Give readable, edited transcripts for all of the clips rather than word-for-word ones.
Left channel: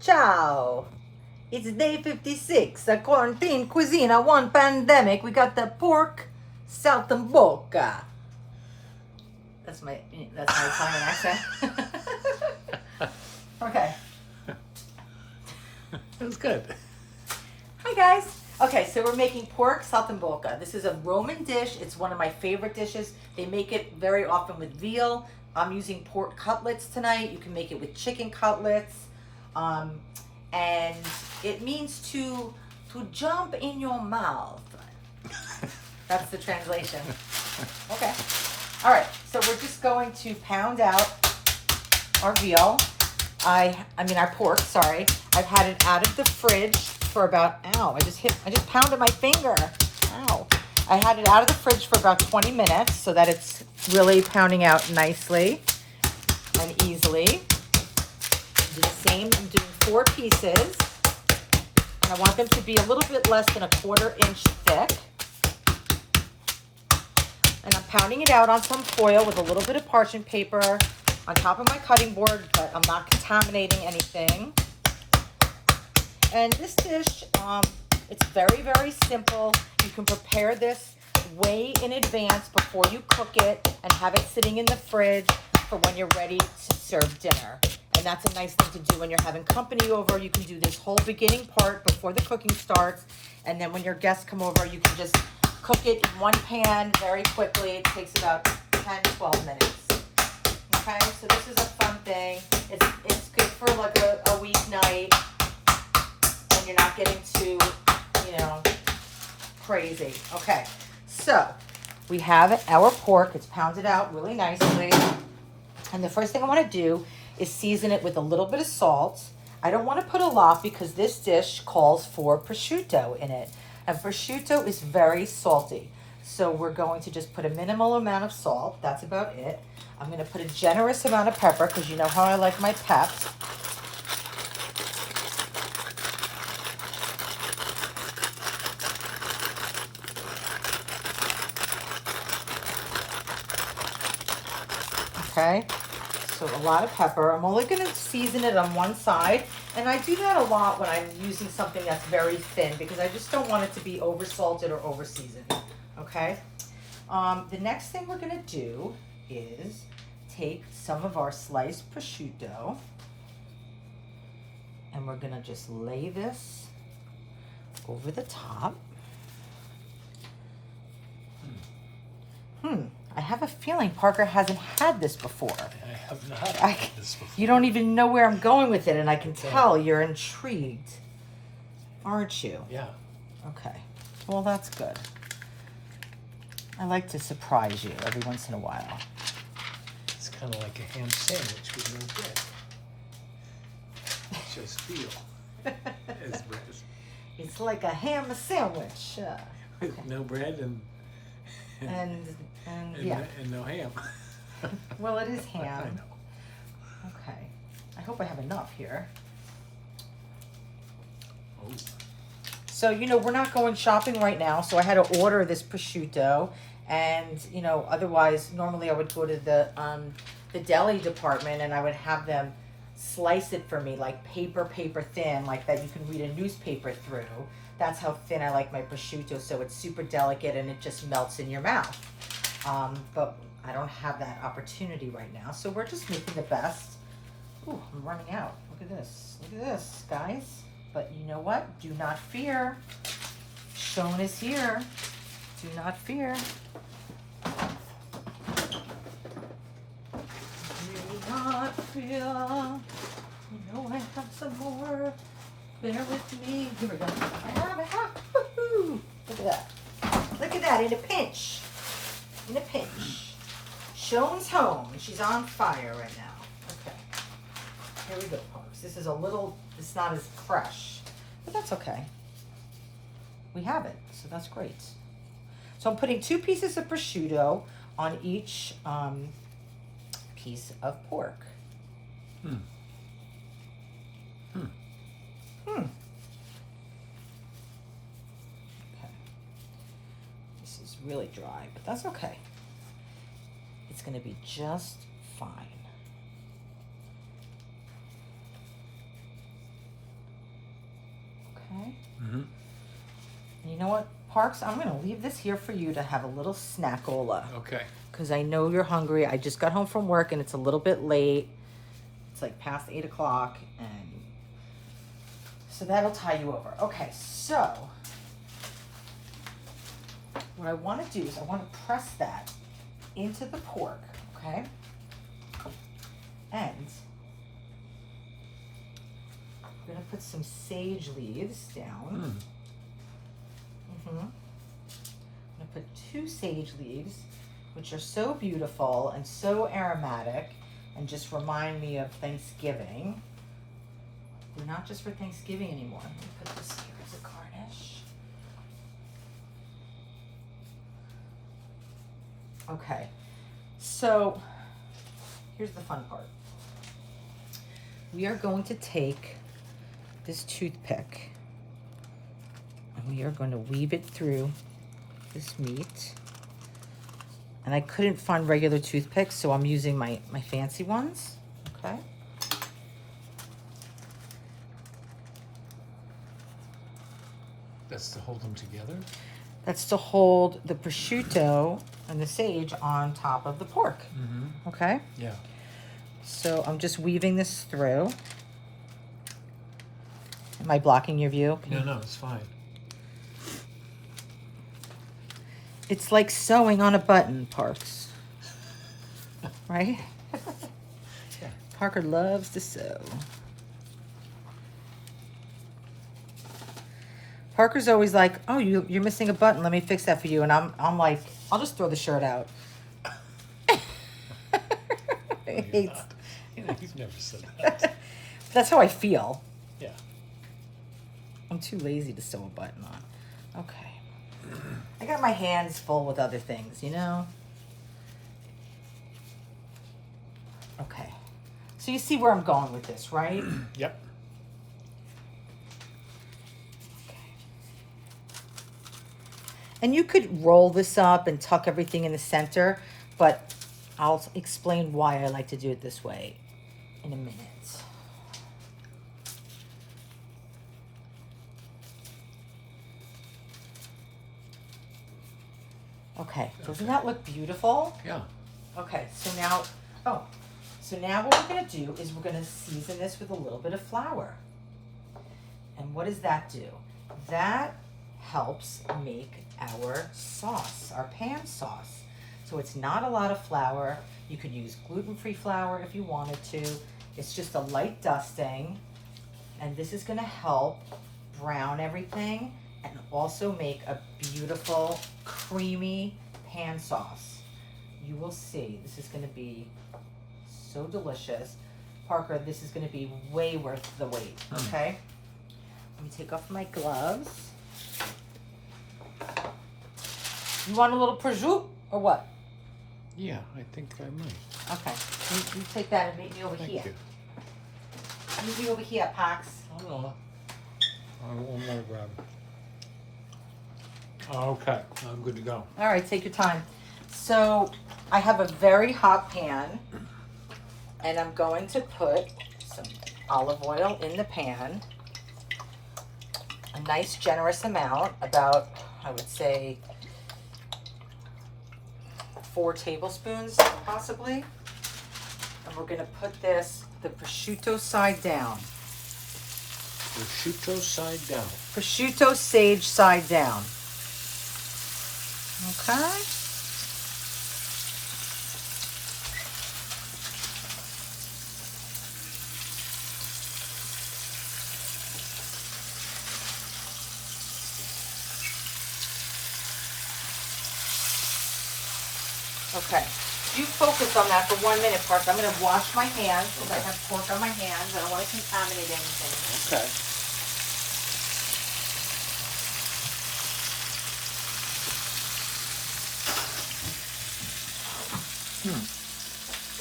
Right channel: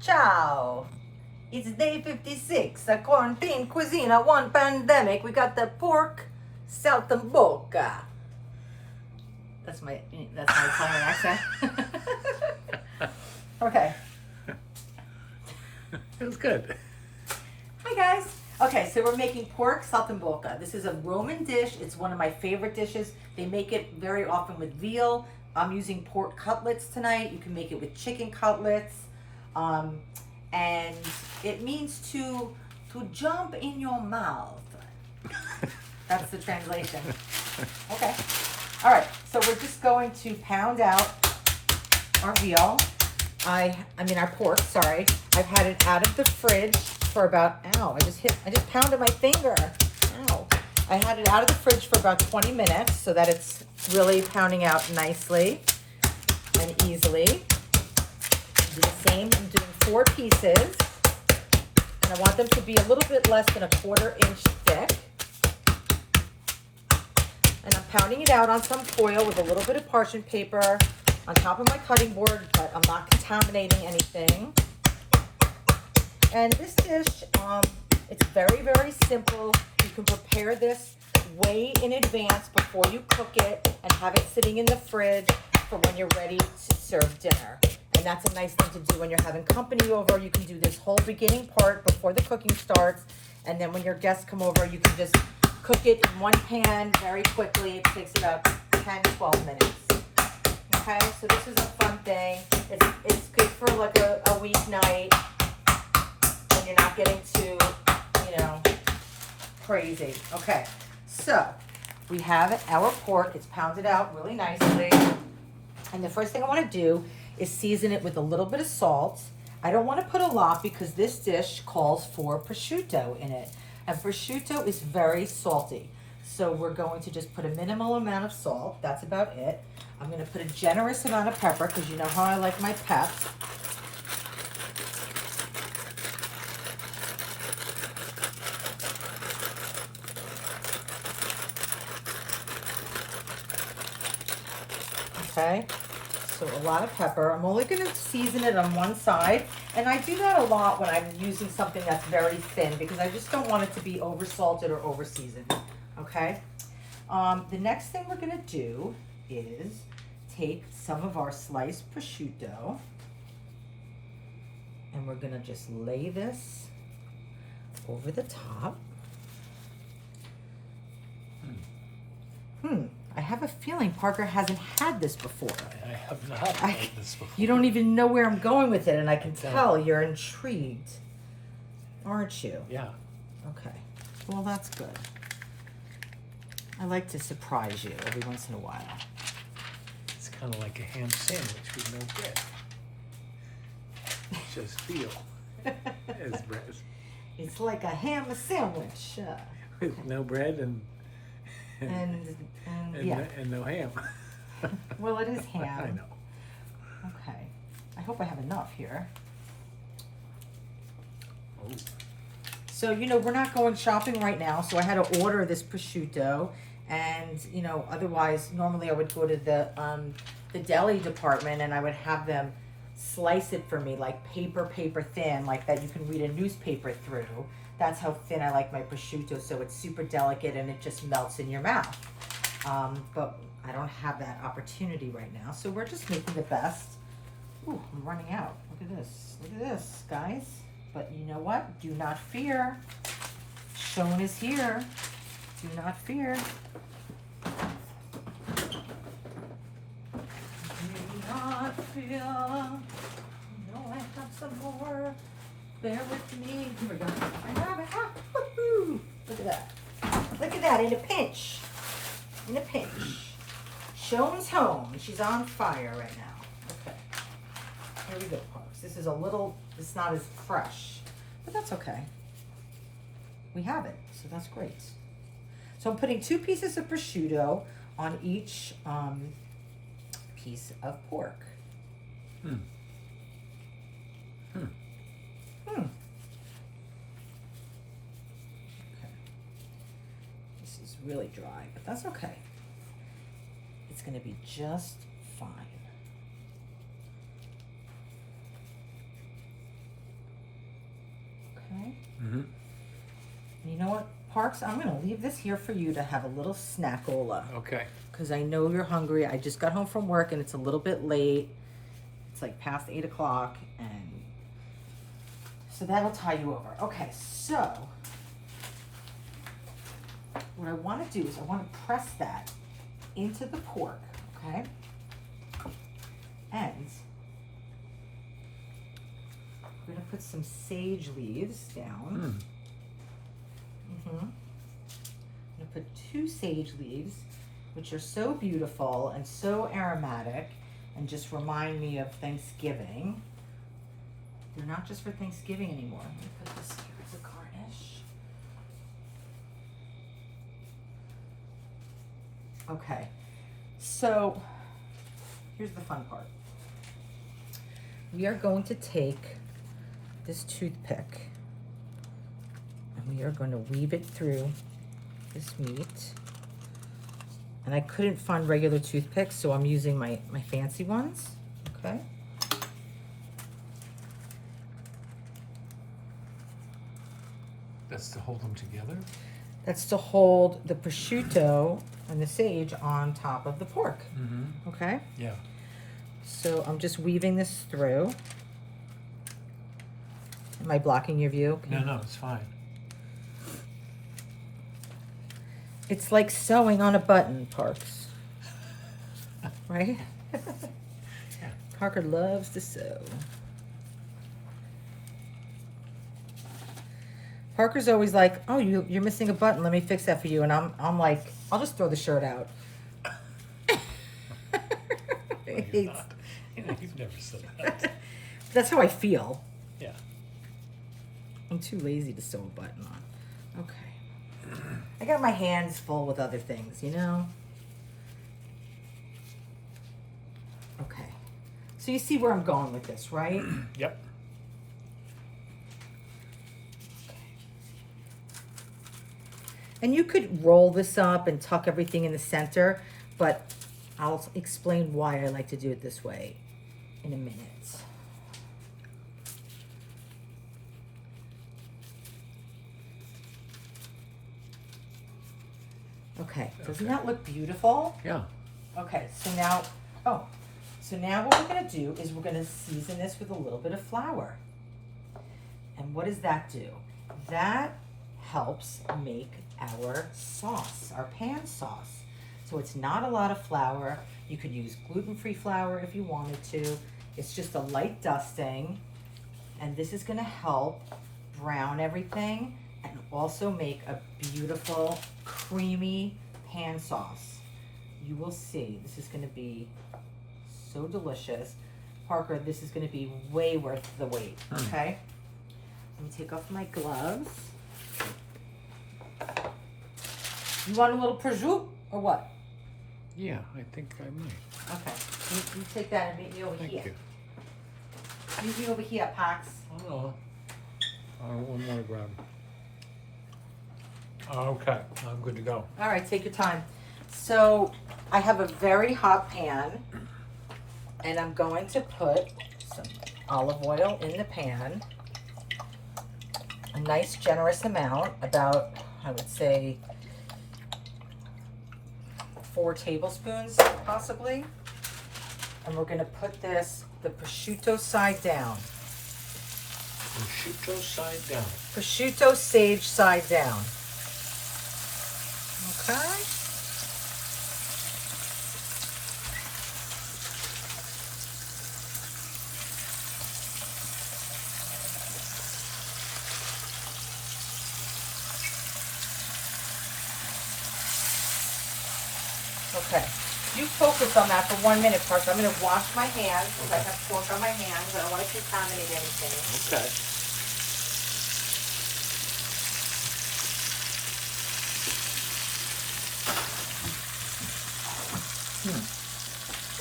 Ciao! It's day 56, a quarantine cuisine, a one pandemic. We got the pork saltimbocca. That's my Italian accent. Okay. It was good. Hi guys. Okay, so we're making pork saltimbocca. This is a Roman dish. It's one of my favorite dishes. They make it very often with veal. I'm using pork cutlets tonight. You can make it with chicken cutlets. And it means to jump in your mouth. That's the translation. Okay. All right, so we're just going to pound out our veal. I mean our pork, sorry. I've had it out of the fridge for about, ow, I just pounded my finger. Ow. I had it out of the fridge for about 20 minutes so that it's really pounding out nicely and easily. Do the same, I'm doing 4 pieces. And I want them to be a little bit less than a 1/4 inch thick. And I'm pounding it out on some foil with a little bit of parchment paper on top of my cutting board, but I'm not contaminating anything. And this dish, it's very, very simple. You can prepare this way in advance before you cook it and have it sitting in the fridge for when you're ready to serve dinner. And that's a nice thing to do when you're having company over. You can do this whole beginning part before the cooking starts. And then when your guests come over, you can just cook it in one pan very quickly. It takes about 10, 12 minutes. Okay, so this is a fun thing. It's good for like a weeknight when you're not getting too, crazy. Okay, so we have our pork. It's pounded out really nicely. And the first thing I want to do is season it with a little bit of salt. I don't want to put a lot because this dish calls for prosciutto in it. And prosciutto is very salty. So we're going to just put a minimal amount of salt. That's about it. I'm going to put a generous amount of pepper because you know how I like my peps. Okay, so a lot of pepper. I'm only going to season it on one side. And I do that a lot when I'm using something that's very thin because I just don't want it to be over salted or over seasoned. Okay, the next thing we're going to do is take some of our sliced prosciutto and we're going to just lay this over the top. I have a feeling Parker hasn't had this before. I have not had this before. You don't even know where I'm going with it, and I can tell you're intrigued, aren't you? Yeah. Okay. Well, that's good. I like to surprise you every once in a while. It's kind of like a ham sandwich with no bread. Just veal as bread. It's like a ham sandwich. With no bread and yeah. and no ham. Well, it is ham. I know. Okay. I hope I have enough here. Oh. So, we're not going shopping right now, so I had to order this prosciutto. And, otherwise, normally I would go to the deli department and I would have them slice it for me, like paper thin, like that you can read a newspaper through. That's how thin I like my prosciutto, so it's super delicate and it just melts in your mouth. But I don't have that opportunity right now, so we're just making the best. Ooh, I'm running out. Look at this, guys. But you know what? Do not fear. Schoen is here. Do not fear. Do not fear. I know I have some more. Bear with me. Here we go. I have it. Woohoo! Look at that. Look at that. In a pinch. In a pinch. Schoen's home. She's on fire right now. Okay. Here we go, folks. This is it's not as fresh, but that's okay. We have it, so that's great. So I'm putting 2 pieces of prosciutto on each piece of pork. Okay. This is really dry, but that's okay. It's going to be just fine. Mm-hmm. You know what, Parks? I'm gonna leave this here for you to have a little snackola. Okay. Because I know you're hungry. I just got home from work and it's a little bit late. It's like past 8 o'clock, and so that'll tie you over. Okay, so what I want to do is I want to press that into the pork, okay? And we're gonna put some sage leaves down. I'm gonna put 2 sage leaves, which are so beautiful and so aromatic and just remind me of Thanksgiving. They're not just for Thanksgiving anymore. Let me put this here as a garnish. Okay, so here's the fun part. We are going to take this toothpick and we are going to weave it through this meat. And I couldn't find regular toothpicks, so I'm using my fancy ones, okay? That's to hold them together? That's to hold the prosciutto and the sage on top of the pork, okay? Yeah. So I'm just weaving this through. Am I blocking your view? No, it's fine. It's like sewing on a button, Parks. Right? Yeah. Parker loves to sew. Parker's always like, "Oh, you're missing a button. Let me fix that for you." And I'm like, "I'll just throw the shirt out." You're not. You've never said that. That's how I feel. Yeah. I'm too lazy to sew a button on. Okay. I got my hands full with other things, you know? Okay. So you see where I'm going with this, right? Yep. And you could roll this up and tuck everything in the center, but I'll explain why I like to do it this way in a minute. Okay, doesn't that look beautiful? Yeah. Okay, so now what we're gonna do is we're gonna season this with a little bit of flour. And what does that do? That helps make our sauce, our pan sauce. So it's not a lot of flour. You could use gluten-free flour if you wanted to. It's just a light dusting. And this is gonna help brown everything and also make a beautiful, creamy pan sauce. You will see, this is gonna be so delicious. Parker, this is gonna be way worth the wait, okay? Let me take off my gloves. You want a little prosciutto or what? Yeah, I think I might. Okay, you take that and meet me over Thank here. you. Meet me over here, Pax. Oh, one more grab. Okay, I'm good to go. All right, take your time. So I have a very hot pan and I'm going to put some olive oil in the pan. A nice generous amount, about, I would say, 4 tablespoons possibly. And we're gonna put this, the prosciutto side down. Prosciutto side down. Prosciutto sage side down. Okay. Okay. You focus on that for 1 minute first. I'm going to wash my hands because I have pork on my hands. I don't want to contaminate anything. Okay.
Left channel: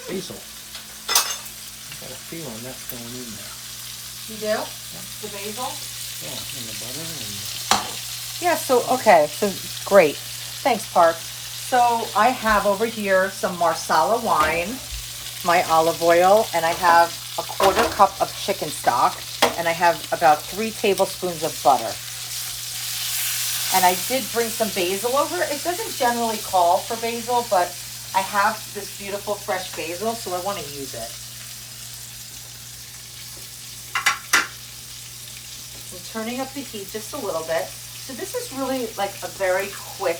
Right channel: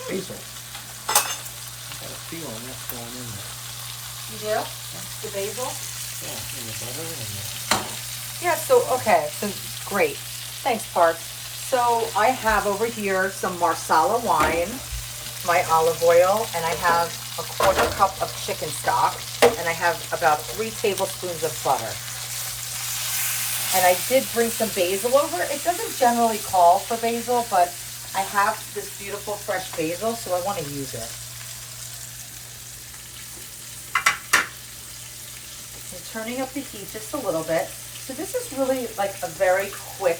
Basil. I got a feeling that's going in there. You do? The basil? Yeah, and the butter and the... Yeah, so, okay. So, great. Thanks, Park. So, I have over here some Marsala wine, my olive oil, and I have a 1/4 cup of chicken stock, and I have about 3 tablespoons of butter. And I did bring some basil over. It doesn't generally call for basil, but I have this beautiful fresh basil, so I want to use it. I'm turning up the heat just a little bit. So this is really like a very quick,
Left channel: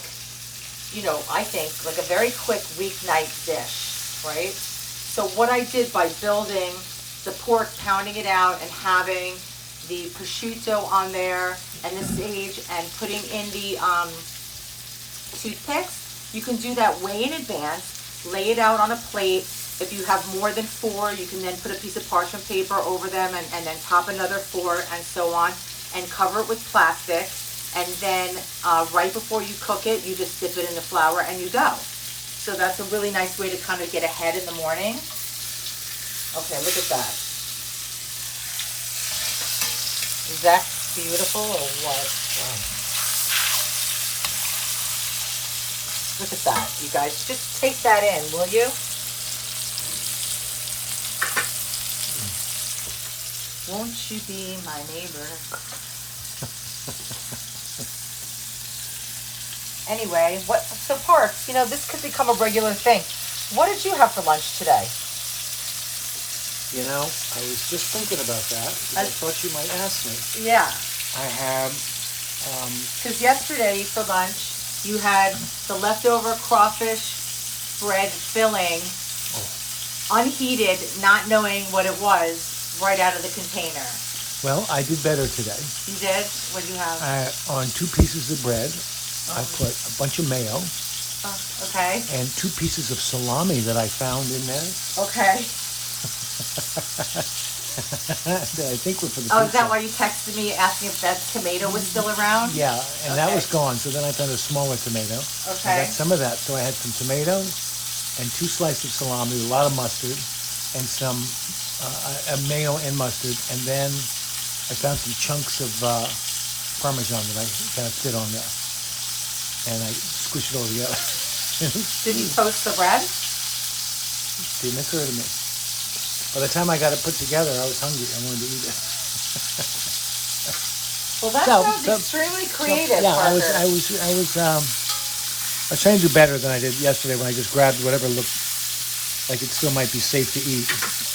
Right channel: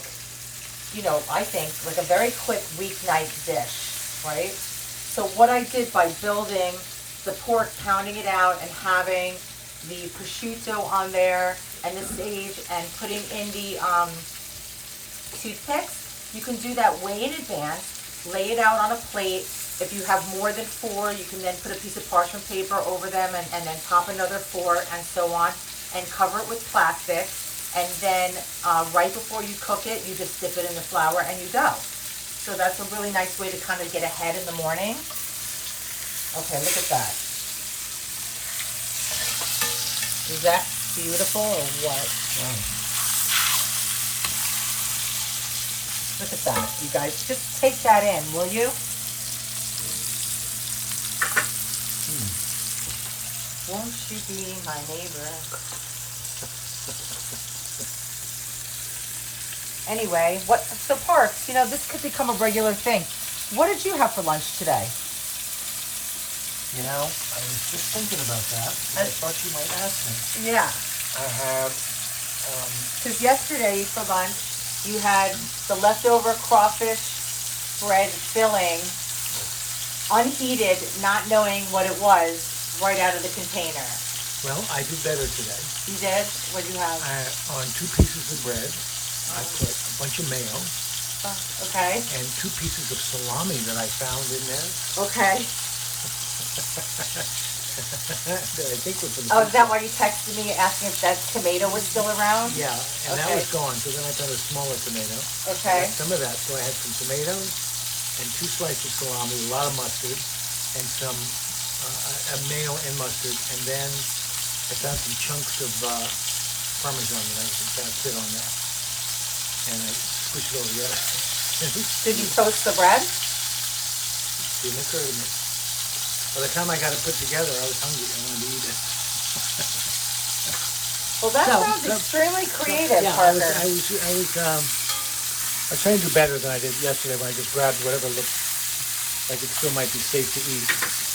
you know, I think like a very quick weeknight dish, right? So what I did by building the pork, pounding it out and having the prosciutto on there and the sage and putting in the toothpicks, you can do that way in advance, lay it out on a plate. If you have more than 4, you can then put a piece of parchment paper over them and then top another 4 and so on, and cover it with plastic. And then right before you cook it, you just dip it in the flour and you go. So that's a really nice way to kind of get ahead in the morning. Okay, look at that. Is that beautiful or what? Wow. Look at that, you guys. Just take that in, will you? Won't you be my neighbor? Anyway, so Parks, you know, this could become a regular thing. What did you have for lunch today? You know, I was just thinking about that. I thought you might ask me. Yeah. I had, because yesterday for lunch, you had the leftover crawfish bread filling, unheated, not knowing what it was, right out of the container. well, I did better today. You did? What did you have? On 2 pieces of bread, I put a bunch of mayo Okay. and 2 pieces of salami that I found in there. Okay. That I think was for the Oh, is that pizza. why you texted me asking if that tomato was still around? Yeah, and that Okay. was gone, so then I found a smaller tomato. Okay. I got some of that, so I had some tomatoes and 2 slices of salami, a lot of mustard, and some mayo and mustard, and then I found some chunks of Parmesan that I kind of fit on there, and I squished it all together. Did you toast the bread? Didn't occur to me. By the time I got it put together, I was hungry. I wanted to eat it. Well, that sounds extremely creative, yeah, Parker. I was trying to do better than I did yesterday when I just grabbed whatever looked like it still might be safe to eat.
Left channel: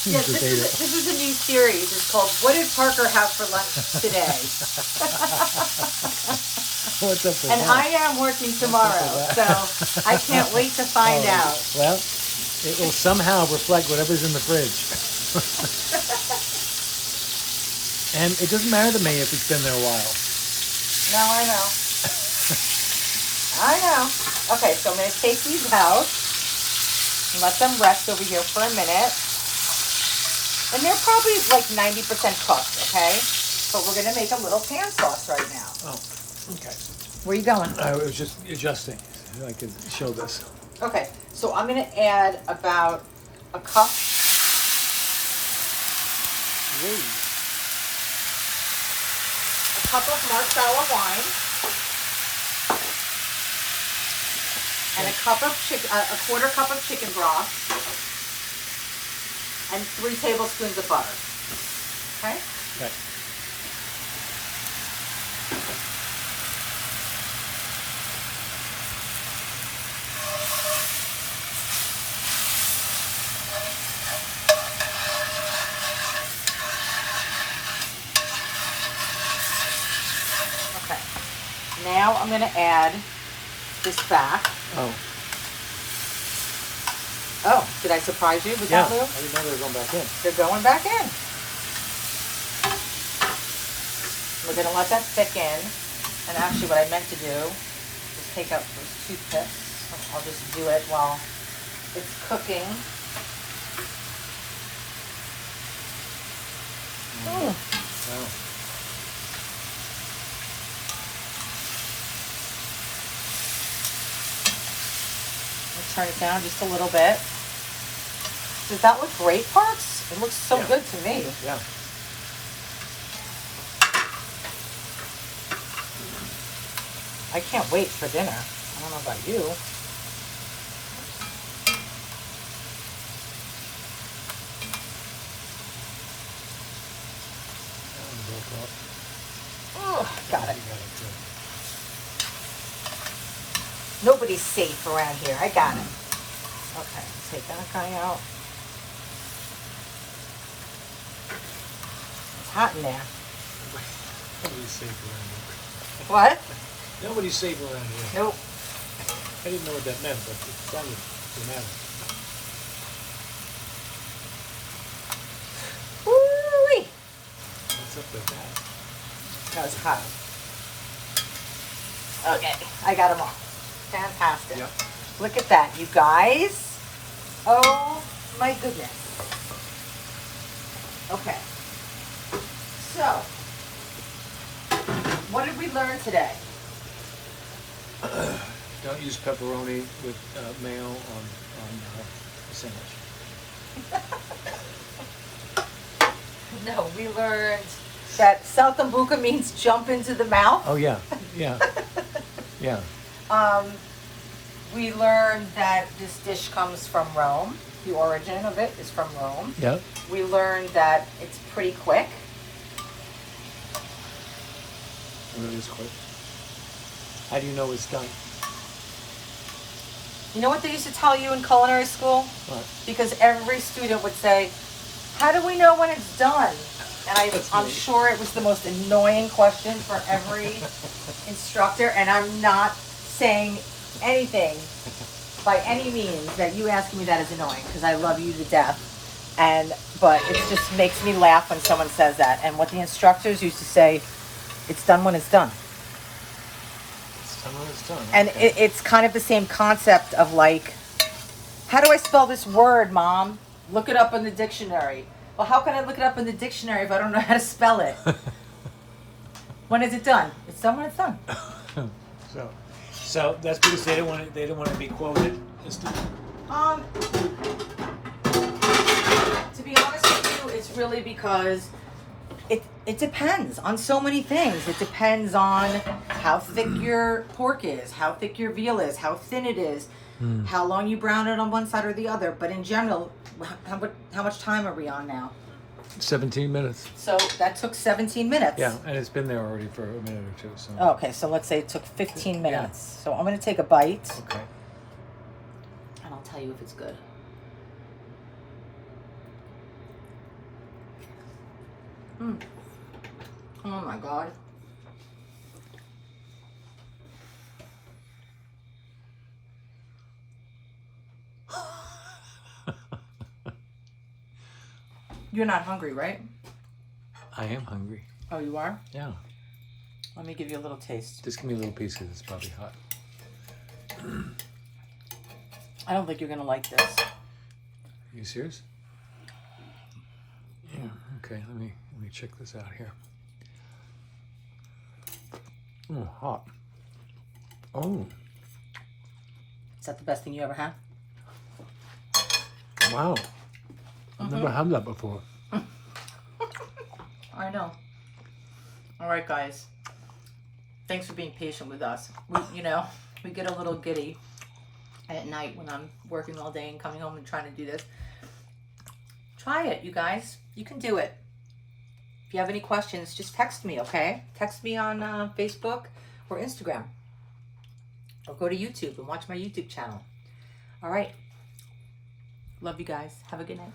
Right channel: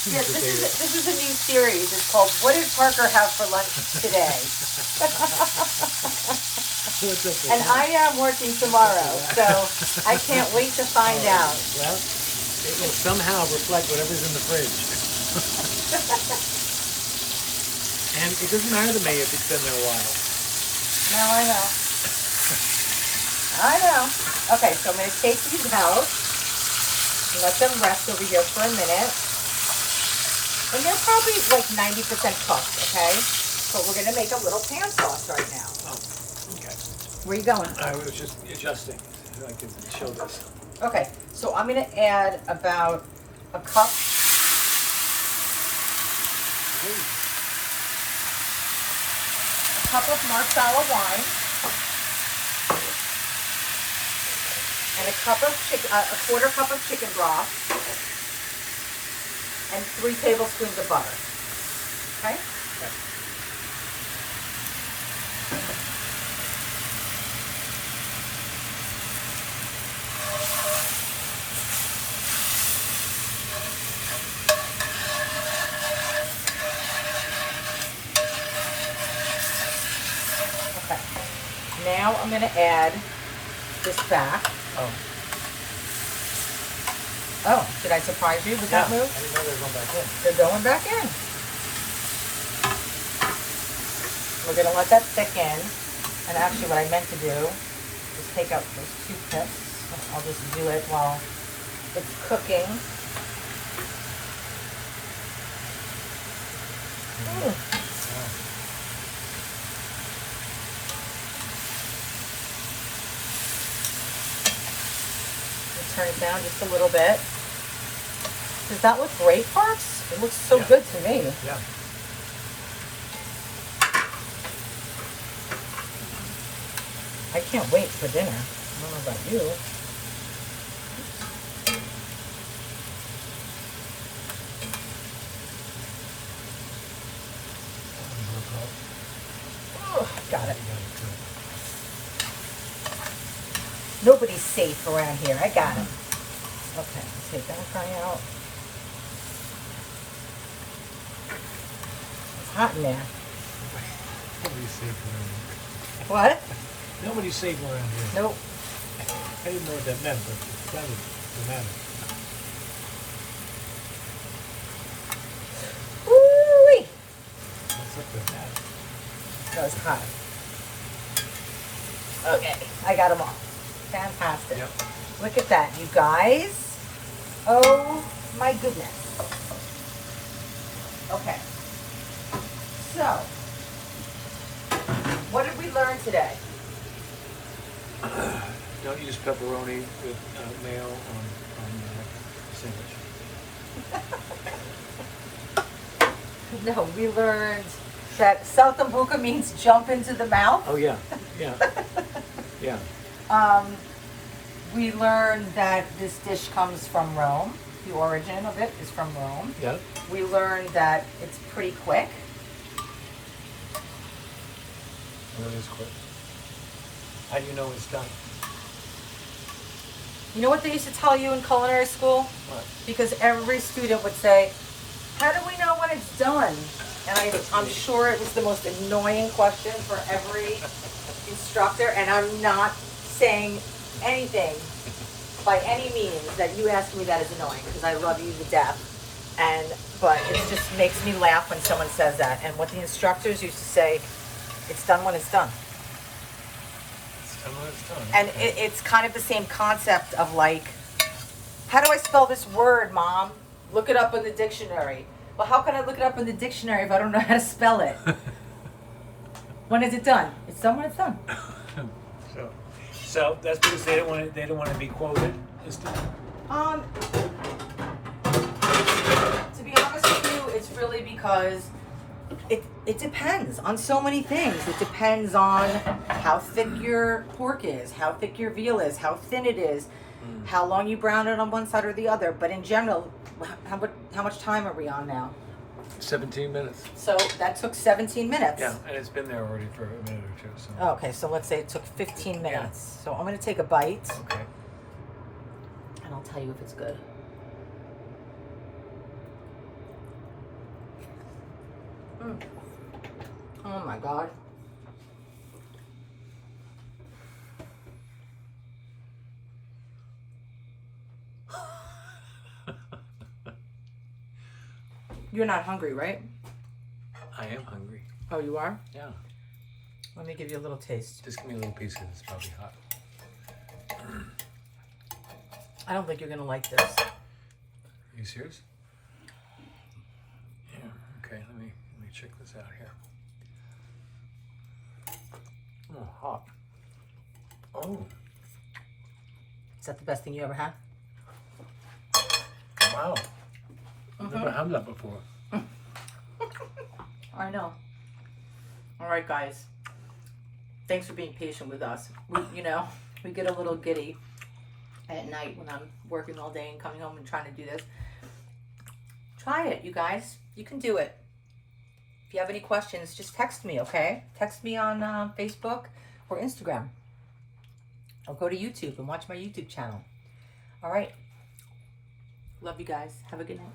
Yeah, this is a new series. It's called "What Did Parker Have for Lunch Today?" What's up with And that? I am working tomorrow, so I can't wait to find out. Well, it will somehow reflect whatever's in the fridge. And it doesn't matter to me if it's been there a while. No, I know. I know. Okay, so I'm going to take these out and let them rest over here for a minute. And they're probably like 90% cooked, okay? But we're going to make a little pan sauce right now. Oh, okay. Where are you going? I was just adjusting. I could show this. Okay, so I'm going to add about a cup. A cup of marsala wine. And a quarter cup of chicken broth. And 3 tablespoons of butter. Okay? Okay. Okay. Now I'm going to add this back. Oh, did I surprise you with that I move? didn't know they were going back in. They're going back in. We're going to let that thicken. And actually what I meant to do is take out those toothpicks. I'll just do it while it's cooking. Mm. Turn it down just a little bit. Does that look great, Parks? It looks so good to me. Yeah. I can't wait for dinner. I don't know about you. Oh, got it. Nobody's safe around here. I got it. Okay, let's take that guy out. It's hot in there. Nobody's safe around here. What? Nobody's safe around here. Nope. I didn't know what that meant, but it's probably dramatic. Woo-wee! What's up with that? That was hot. Okay, I got them all. Fantastic. Yep. Look at that, you guys. Oh my goodness. Okay. So, what did we learn today? Don't use pepperoni with mayo on sandwich. No, we learned that Saltimbocca means jump into the mouth. Oh yeah, yeah, yeah. We learned that this dish comes from Rome. The origin of it is from Rome. Yep. We learned that it's pretty quick. Well, it was quick. How do you know it's done? You know what they used to tell you in culinary school? What? Because every student would say, how do we know when it's done? And I'm sure it was the most annoying question for every instructor, and I'm not saying anything by any means that you ask me that is annoying, because I love you to death. But it just makes me laugh when someone says that. And what the instructors used to say, it's done when it's done. It's done when it's done. And Okay. it's kind of the same concept of like, how do I spell this word, Mom? Look it up in the dictionary. Well, how can I look it up in the dictionary if I don't know how to spell it? When is it done? It's done when it's done. So that's because they don't want to be quoted. To be honest with you, it's really because it depends on so many things. It depends on how thick your pork is, how thick your veal is, how thin it is, how long you brown it on one side or the other. But in general, how much time are we on now? 17 minutes. So that took 17 minutes. Yeah, and it's been there already for a minute or two. So. Okay, so let's say it took 15 minutes. So I'm going to take a bite, Okay. and I'll tell you if it's good. Oh my God. You're not hungry, right? I am hungry. Oh, you are? Yeah. Let me give you a little taste. Just give me a little piece because it's probably hot. I don't think you're going to like this. Are you serious? Yeah. Okay. Let me check this out here. Hot. Oh. Is that the best thing you ever had? Wow. I've never had that before. I know. All right, guys. Thanks for being patient with us. We get a little giddy at night when I'm working all day and coming home and trying to do this. Try it, you guys. You can do it. If you have any questions, just text me, okay? Text me on Facebook or Instagram. Or go to YouTube and watch my YouTube channel. All right. Love you guys. Have a good night.